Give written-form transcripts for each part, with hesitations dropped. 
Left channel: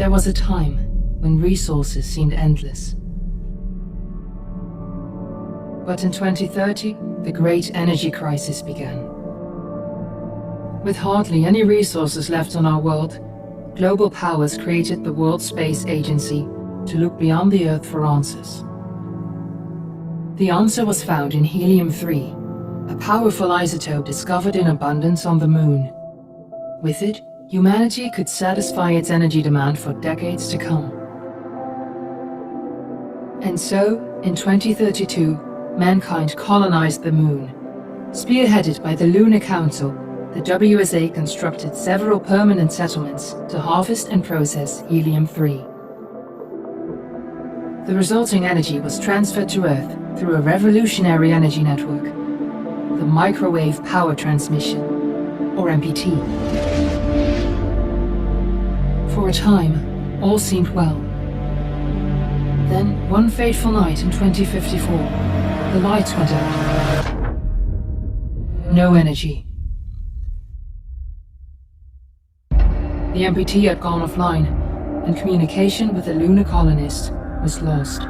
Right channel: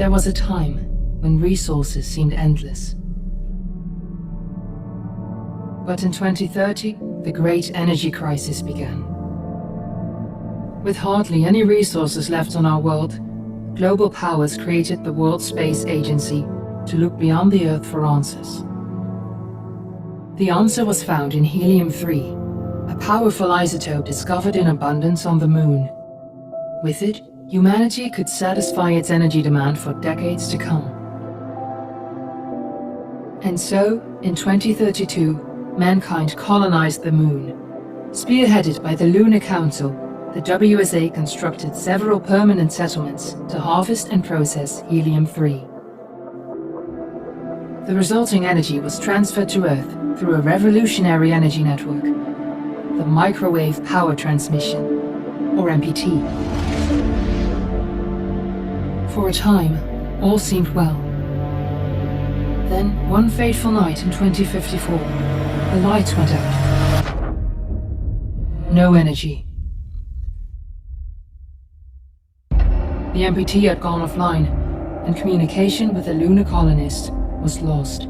There was a time when resources seemed endless. But in 2030, the great energy crisis began. With hardly any resources left on our world, global powers created the World Space Agency to look beyond the Earth for answers. The answer was found in helium-3, a powerful isotope discovered in abundance on the Moon. With it, humanity could satisfy its energy demand for decades to come. And so, in 2032, mankind colonized the Moon. Spearheaded by the Lunar Council, the WSA constructed several permanent settlements to harvest and process helium-3. The resulting energy was transferred to Earth through a revolutionary energy network, the Microwave Power Transmission, or MPT. For a time, all seemed well. Then, one fateful night in 2054, the lights went out. No energy. The MPT had gone offline, and communication with the lunar colonist was lost.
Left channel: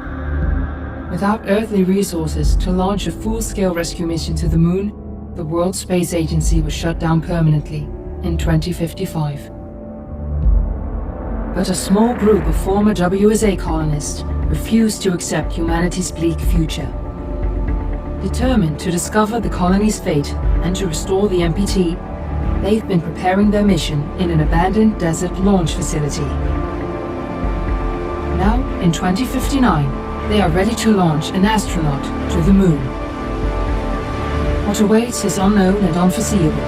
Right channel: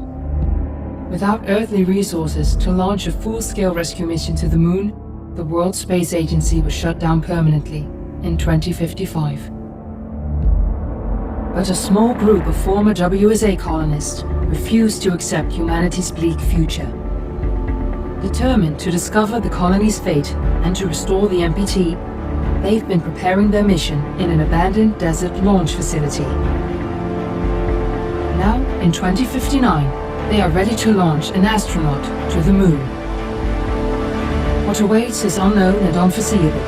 Without earthly resources to launch a full-scale rescue mission to the Moon, the World Space Agency was shut down permanently in 2055. But a small group of former WSA colonists refused to accept humanity's bleak future. Determined to discover the colony's fate and to restore the MPT, they've been preparing their mission in an abandoned desert launch facility. Now, in 2059, they are ready to launch an astronaut to the Moon. What awaits is unknown and unforeseeable,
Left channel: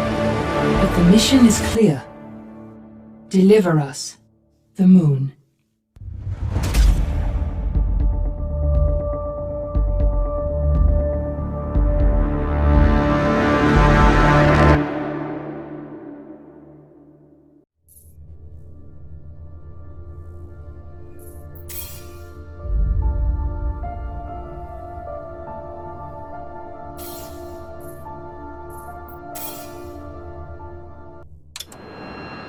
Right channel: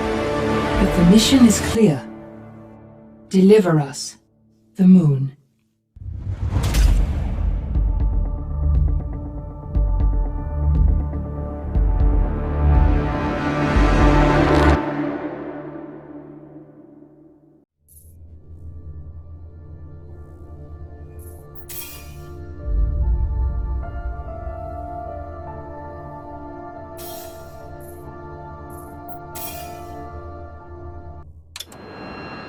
but the mission is clear. Deliver us the Moon.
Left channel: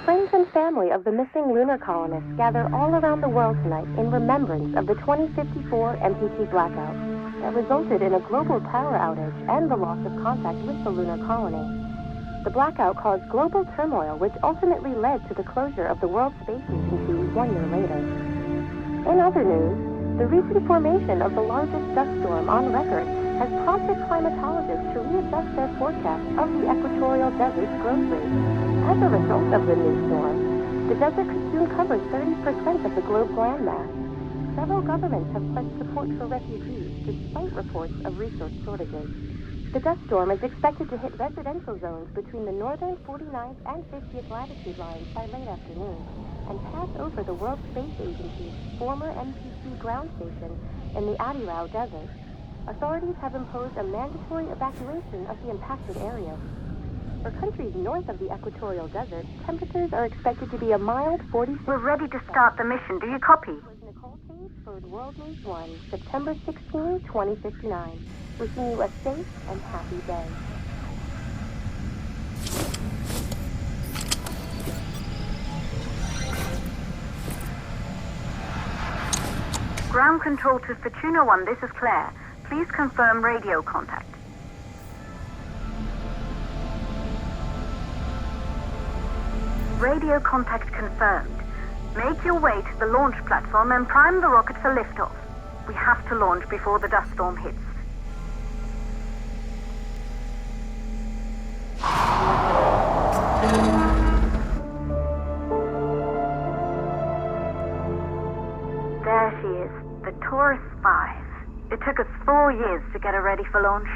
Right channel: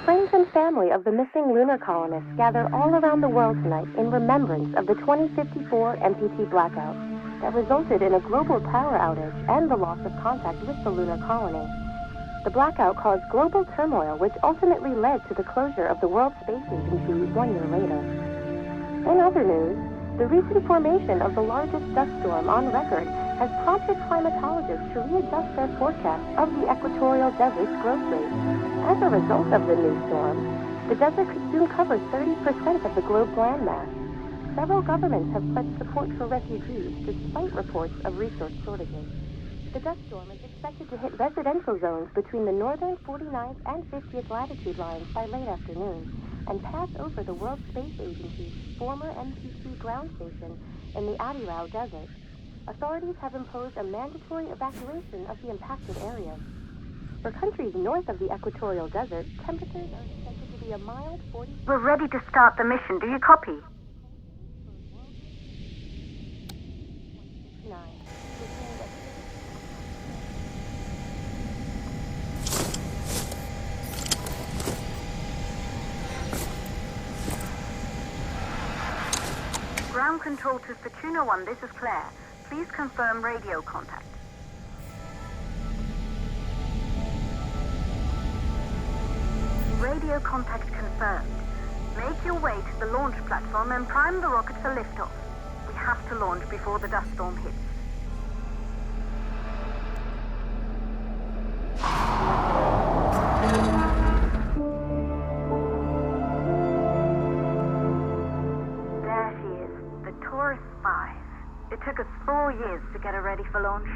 Friends and family of the missing lunar colonists gather all around the world tonight in remembrance of the 2054 MPT blackout that resulted in a global power outage and the loss of contact with the lunar colony. The blackout caused global turmoil, which ultimately led to the closure of the World Space Agency 1 year later. In other news, the recent formation of the largest dust storm on record has prompted climatologists to readjust their forecast of the equatorial desert's growth rate. As a result of the new storm, the desert could soon cover 30% of the globe's landmass. Several governments have pledged support for refugees despite reports of resource shortages. The dust storm is expected to hit residential zones between the northern 49th and 50th latitude lines by late afternoon and pass over the World Space Agency's former MTC ground station in the Adirau Desert. Authorities have imposed a mandatory evacuation of the impacted areas. For countries north of the equatorial desert, temperatures are expected to be a mild 40. We're ready to start the mission. Do you copy? Nicole Page for World News 1, September 16, 2059. Wishing you a safe and happy day. Ground control to Fortuna 1, this is Claire. Please confirm radio contact. Radio contact confirmed. Make your way to the launch platform and prime the rocket for liftoff. We have to launch before the dust storm hits. There she is, the Ps5. It took us 4 years to get her ready for launch.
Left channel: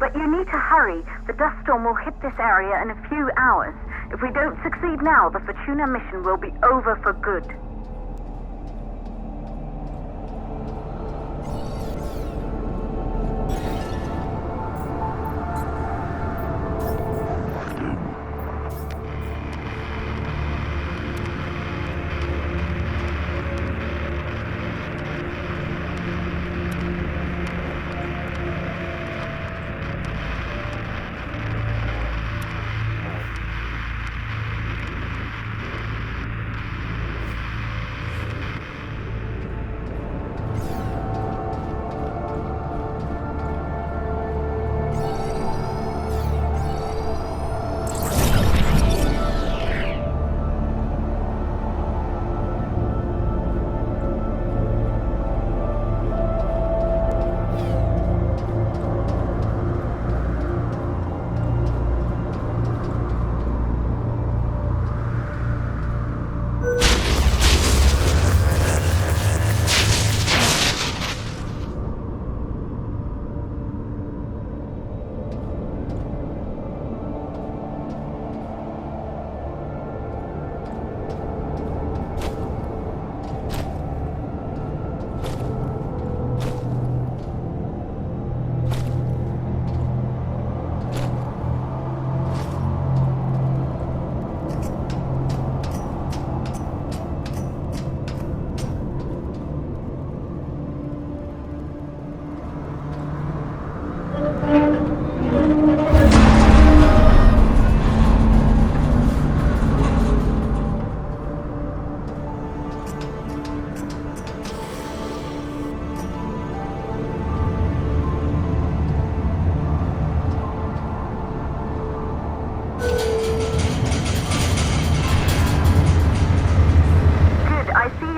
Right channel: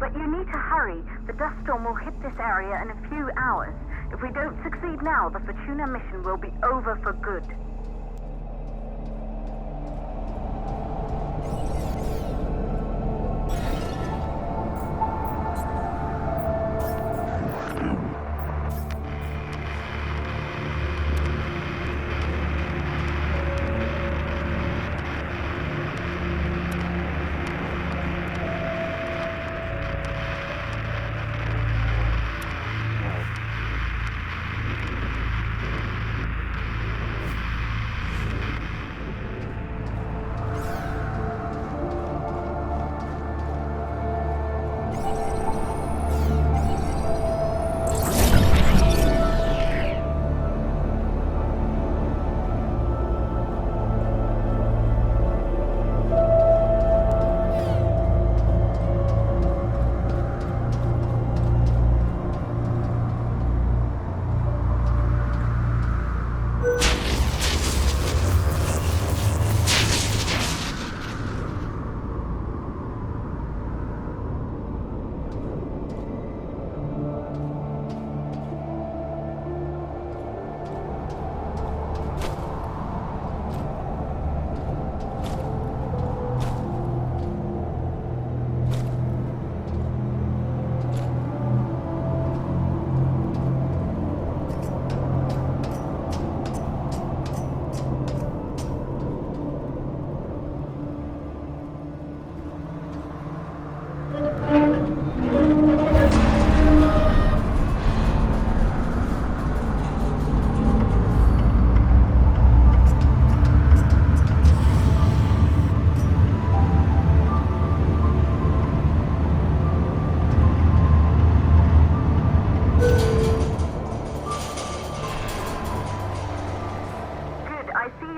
But you need to hurry. The dust storm will hit this area in a few hours. If we don't succeed now, the Fortuna mission will be over for good.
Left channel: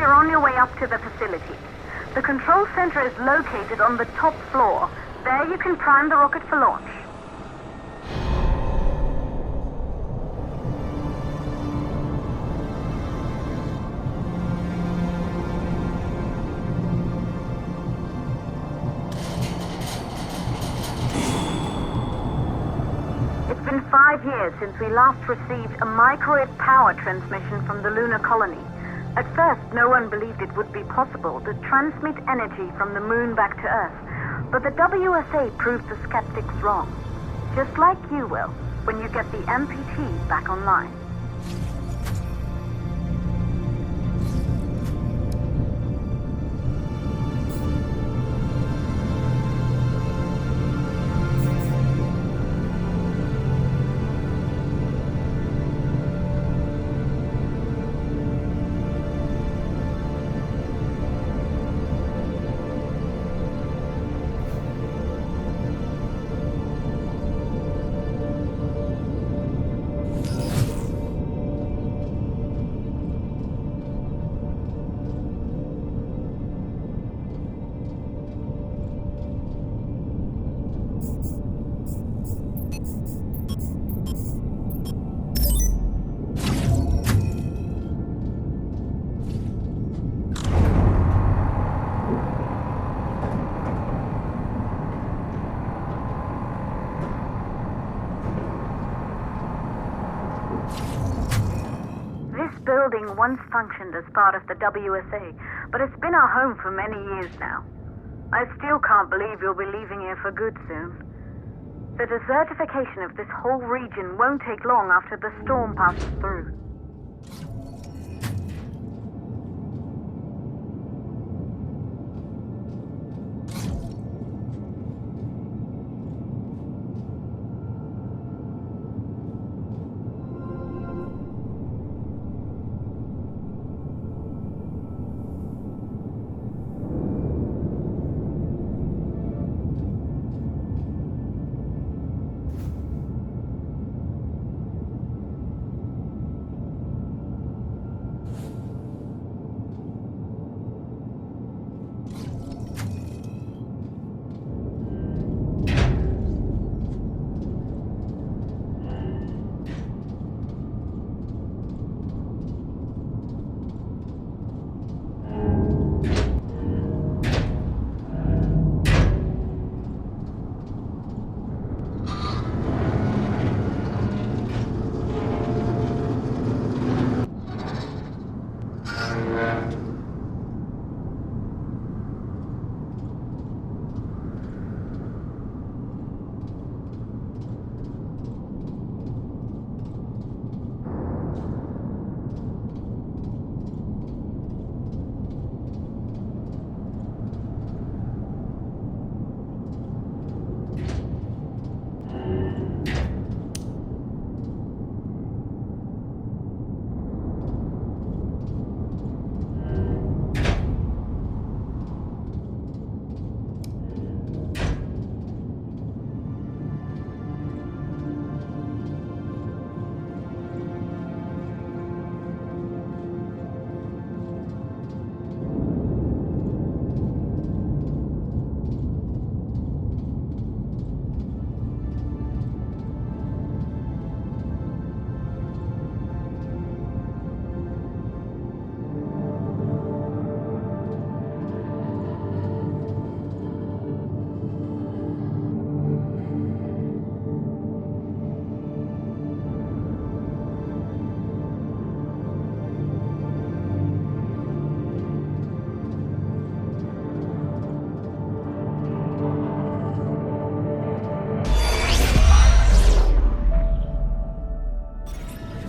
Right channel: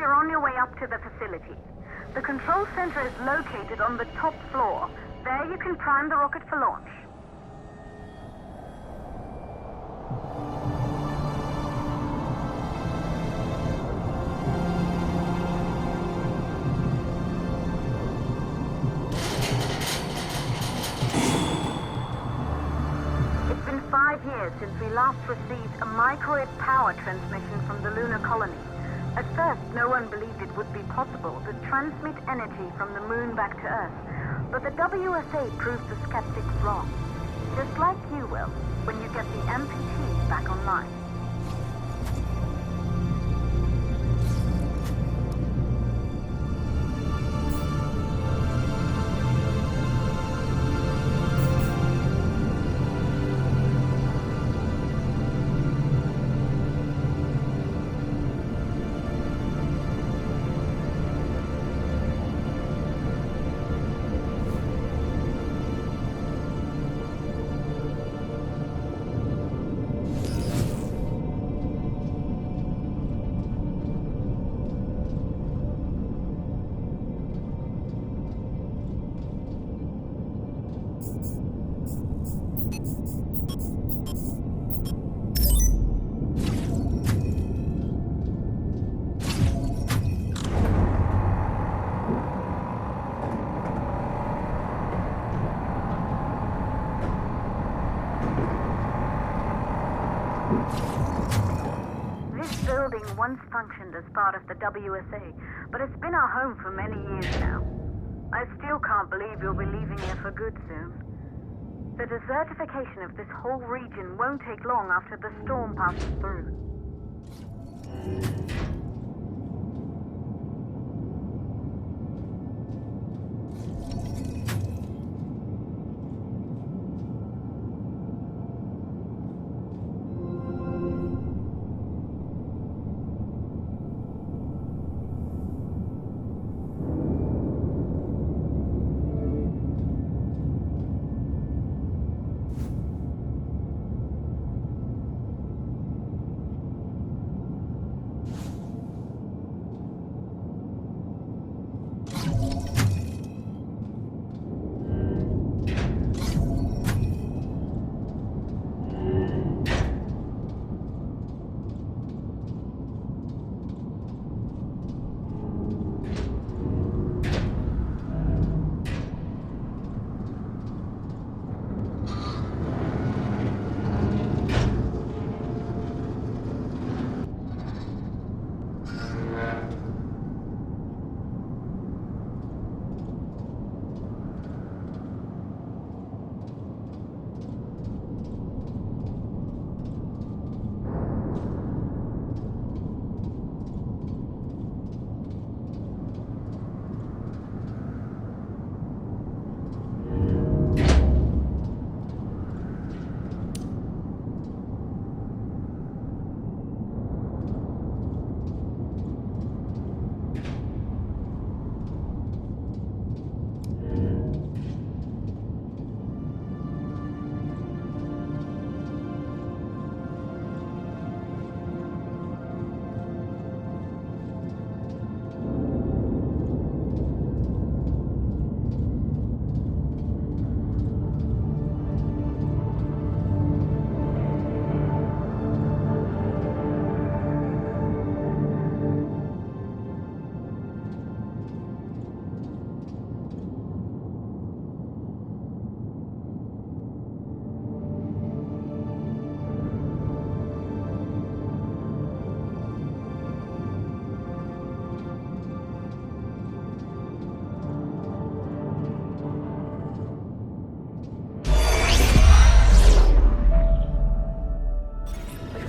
you're on your way up to the facility. The control center is located on the top floor. There you can prime the rocket for launch. It's been 5 years since we last received a microwave power transmission from the lunar colony. At first, no one believed it would be possible to transmit energy from the moon back to Earth, but the WSA proved the skeptics wrong. Just like you will, when you get the MPT back online. This building once functioned as part of the WSA, but it's been our home for many years now. I still can't believe you'll be leaving here for good soon. The desertification of this whole region won't take long after the storm passes through.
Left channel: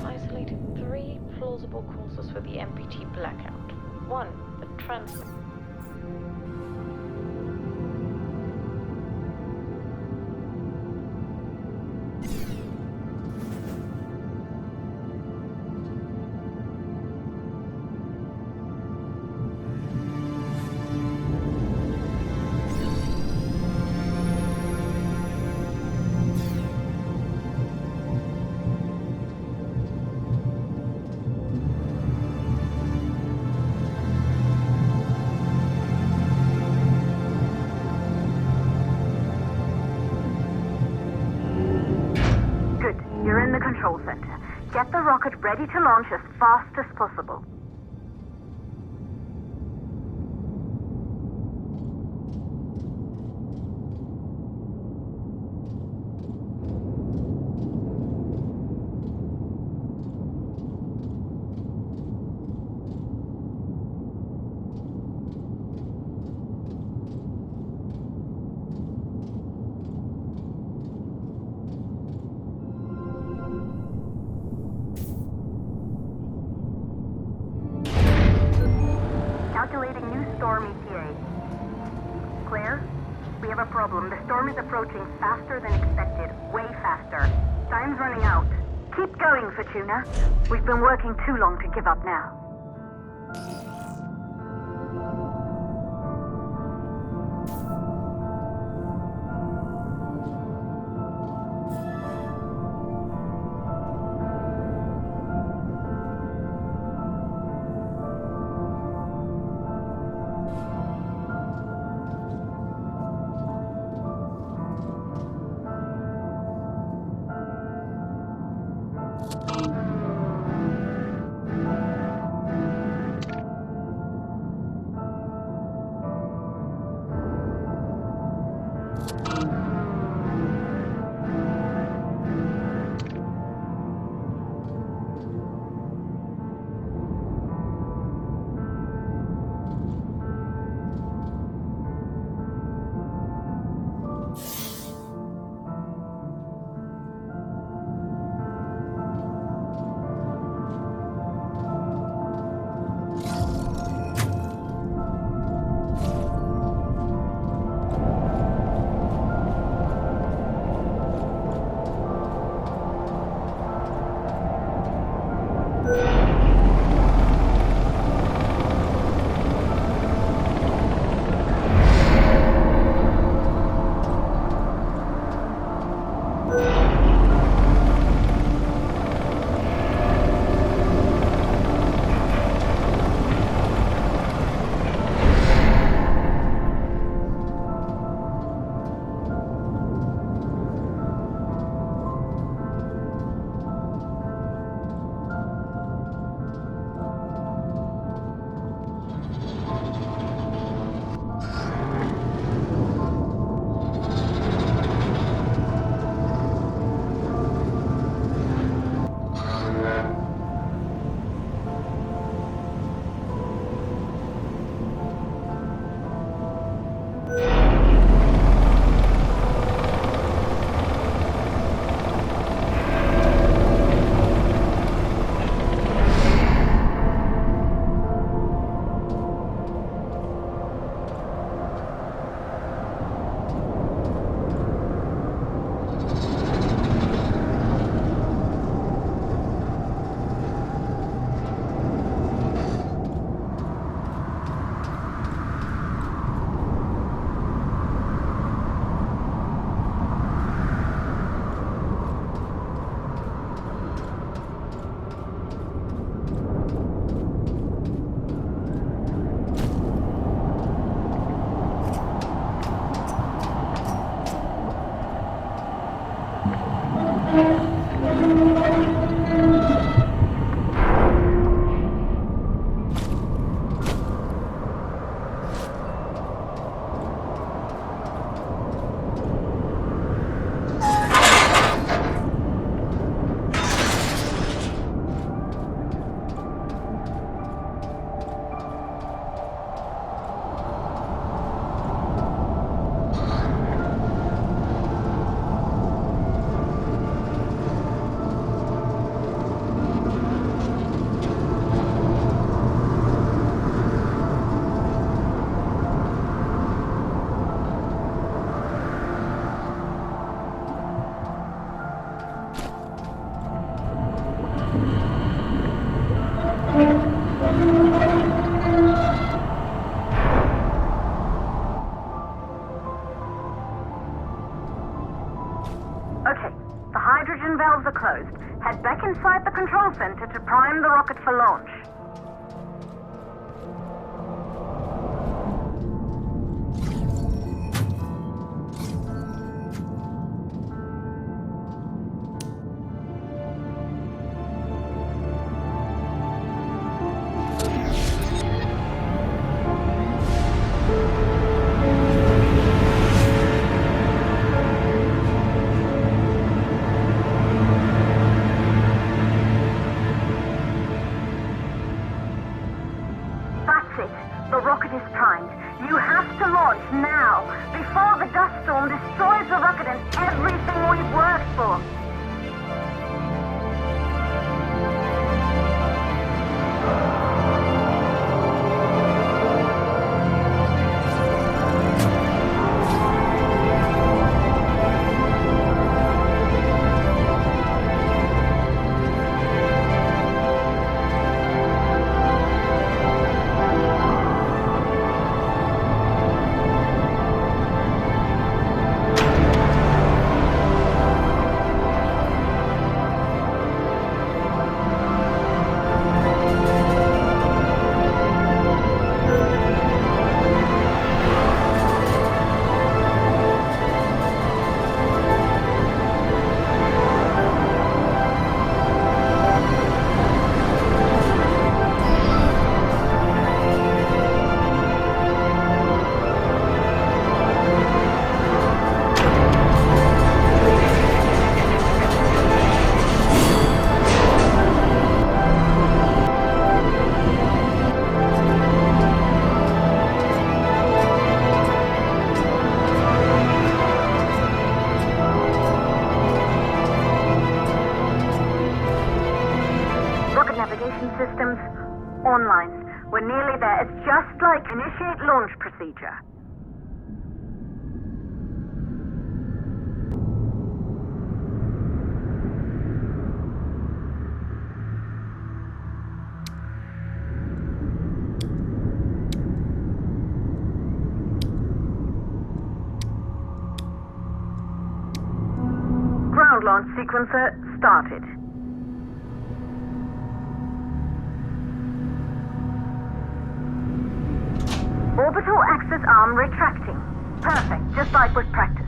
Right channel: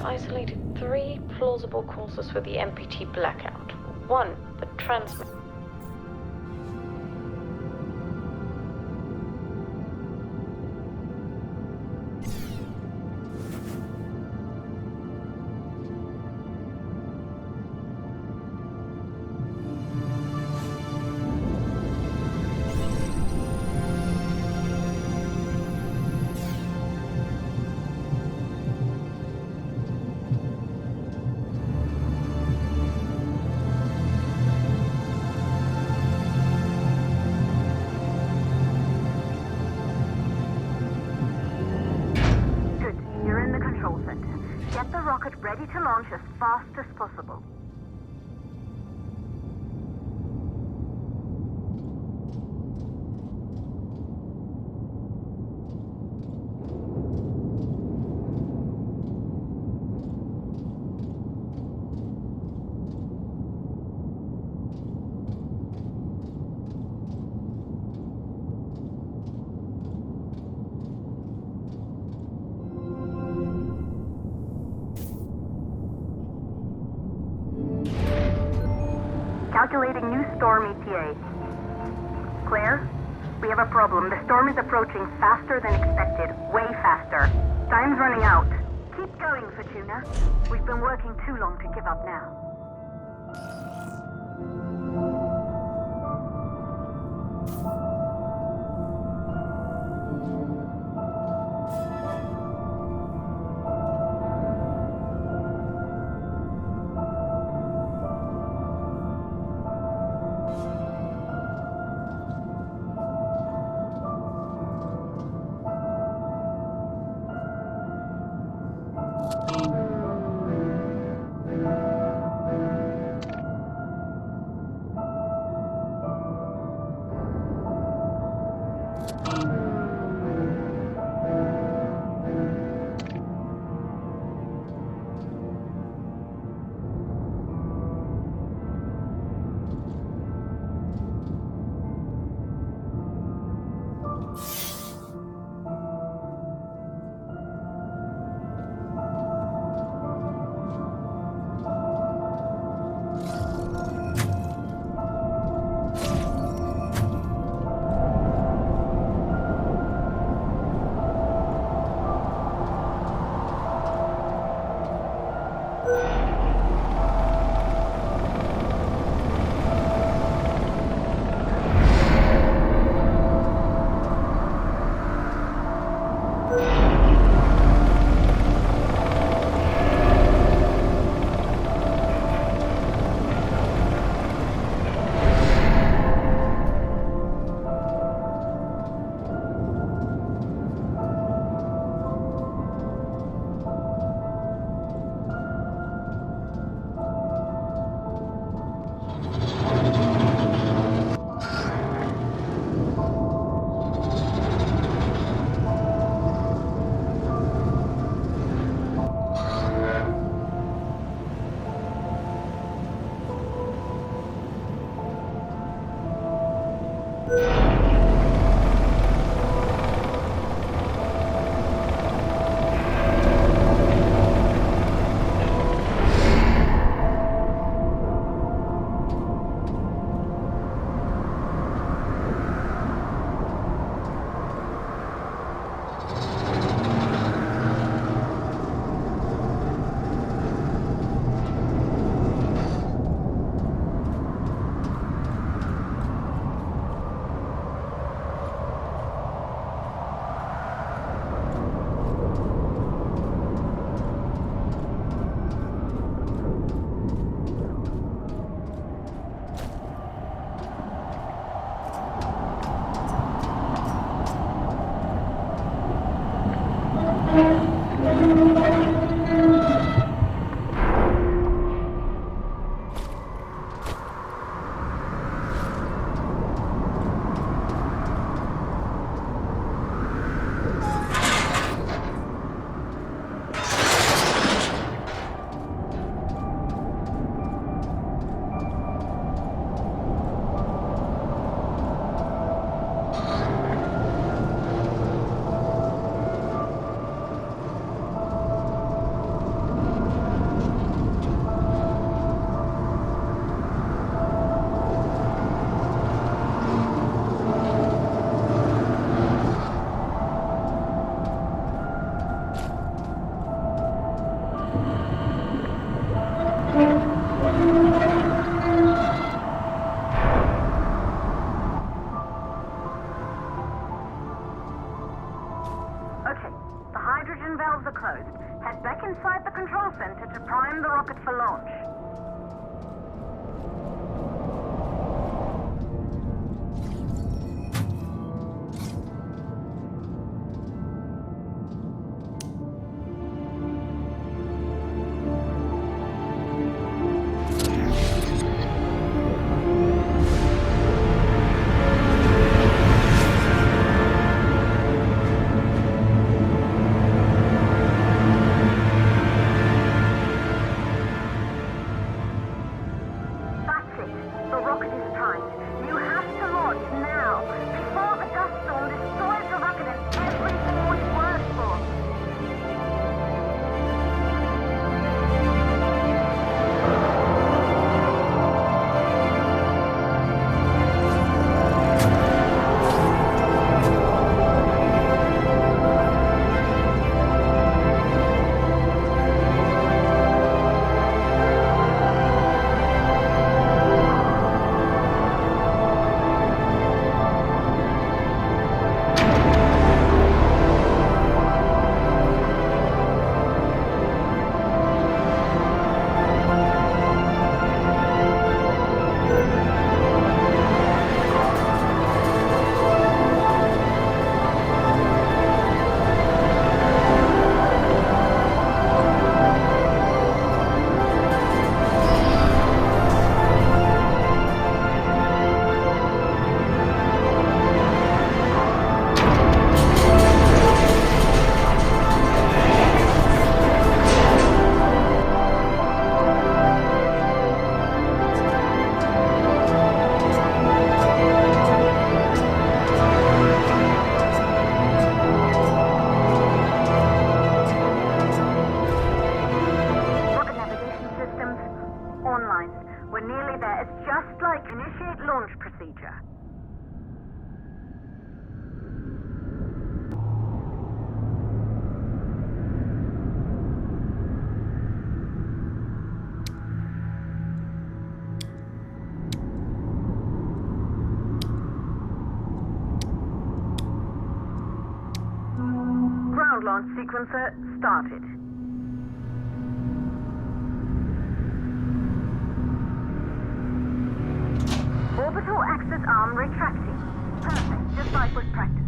Isolated 3 plausible causes for the MPT blackout. 1, the transmit. rocket ready to launch as fast as possible. Calculating new storm ETA. Claire, we have a problem. The storm is approaching faster than expected. Way faster. Time's running out. Keep going, Fortuna. We've been working too long to give up now. Okay, the hydrogen valves are closed. Head back inside the control center to prime the rocket for launch. The rocket is primed. You have to launch now, before the dust storm destroys the rocket and everything we've worked for. Navigation systems online. We're nearly there. It's just like initiate launch procedure. Ground launch sequencer started. Orbital axis arm retracting. Perfect, just like was practiced.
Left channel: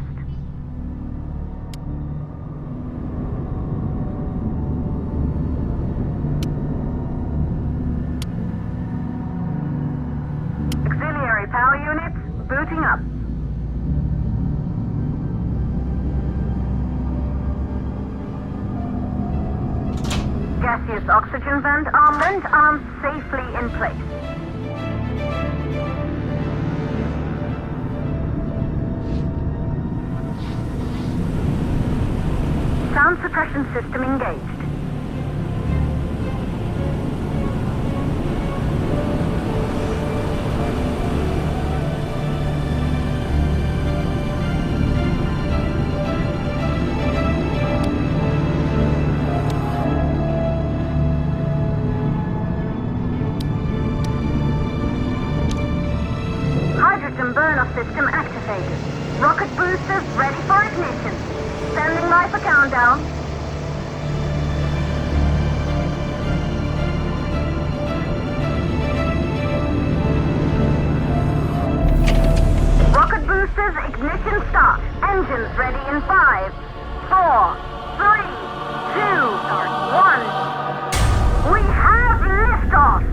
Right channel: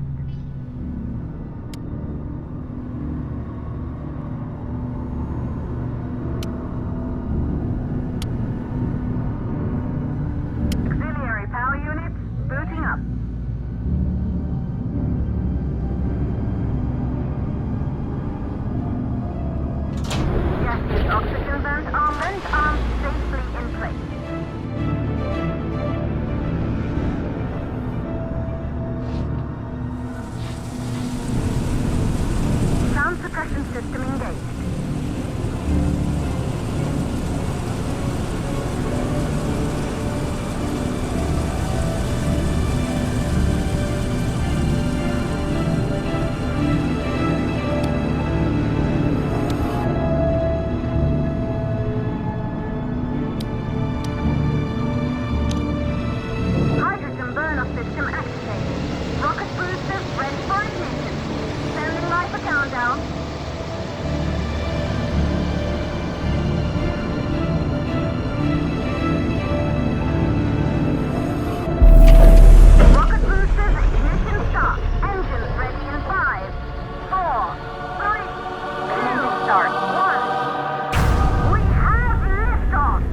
Auxiliary power units booting up. Gaseous oxygen vent arms safely in place. Sound suppression system engaged. Hydrogen burn-off system activated. Rocket boosters ready for ignition. Standing by for countdown. Rocket boosters ignition start. Engines ready in 5, 4, 3, 2, 1. We have liftoff!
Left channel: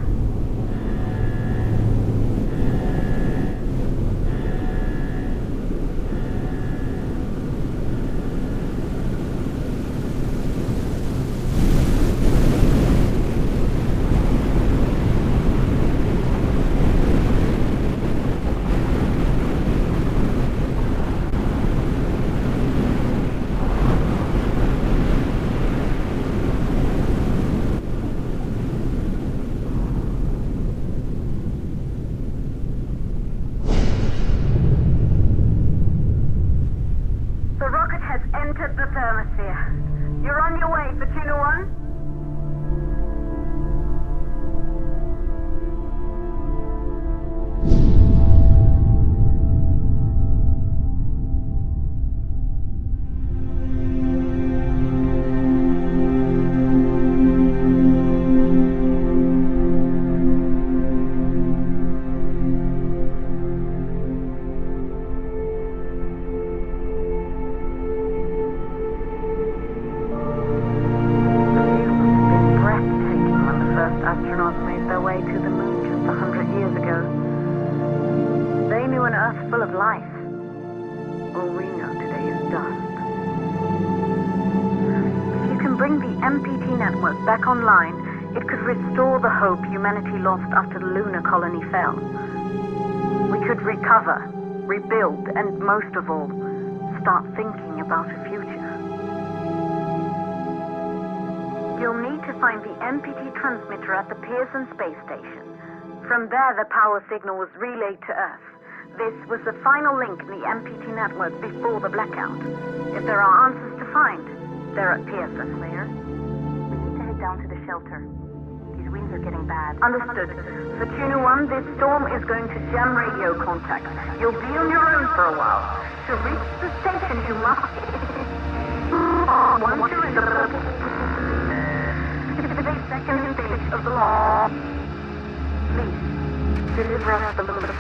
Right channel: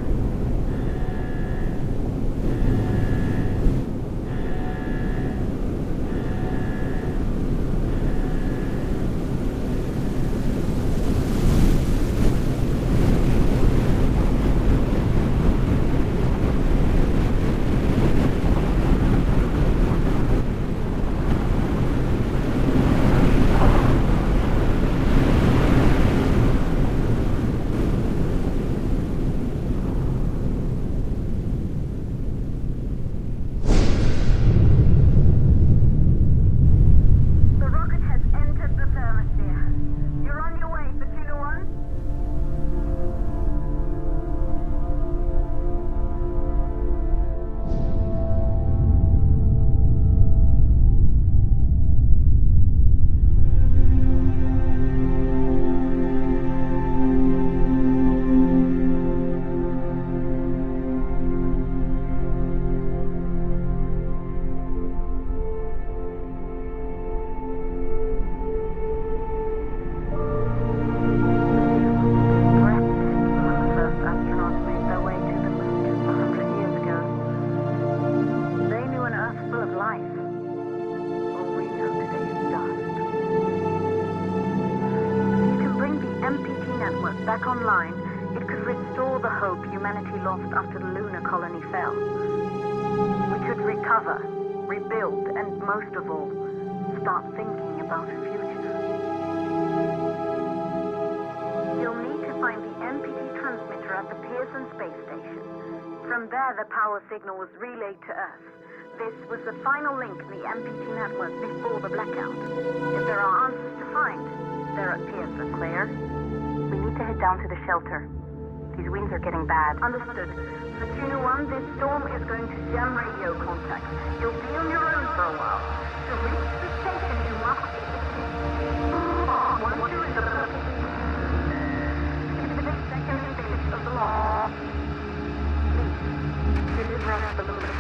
Entered the thermosphere. You're on your way, Pt1. Astronauts made their way to the moon just 100 years ago. They knew an Earth full of life. All we know today is dust. If you can bring the MPT network back online, it could restore the hope humanity lost after the lunar colony fell. We could recover, rebuild, and most of all, start thinking about a future. You'll need to find the MPT transmitter at the Pearson space station. From there, the power signal was relayed to Earth. This was the final link in the MPT network before the blackout. If there are answers to find, they're at Pearson. Claire, we need to head down to the shelter. These winds are getting bad. Understood. For Tuna 1, this storm is going to jam radio contact. You'll be on your own for a while. To reach the station, you must... Once you're in the 52nd stage of the launch, please, deliver us the loop.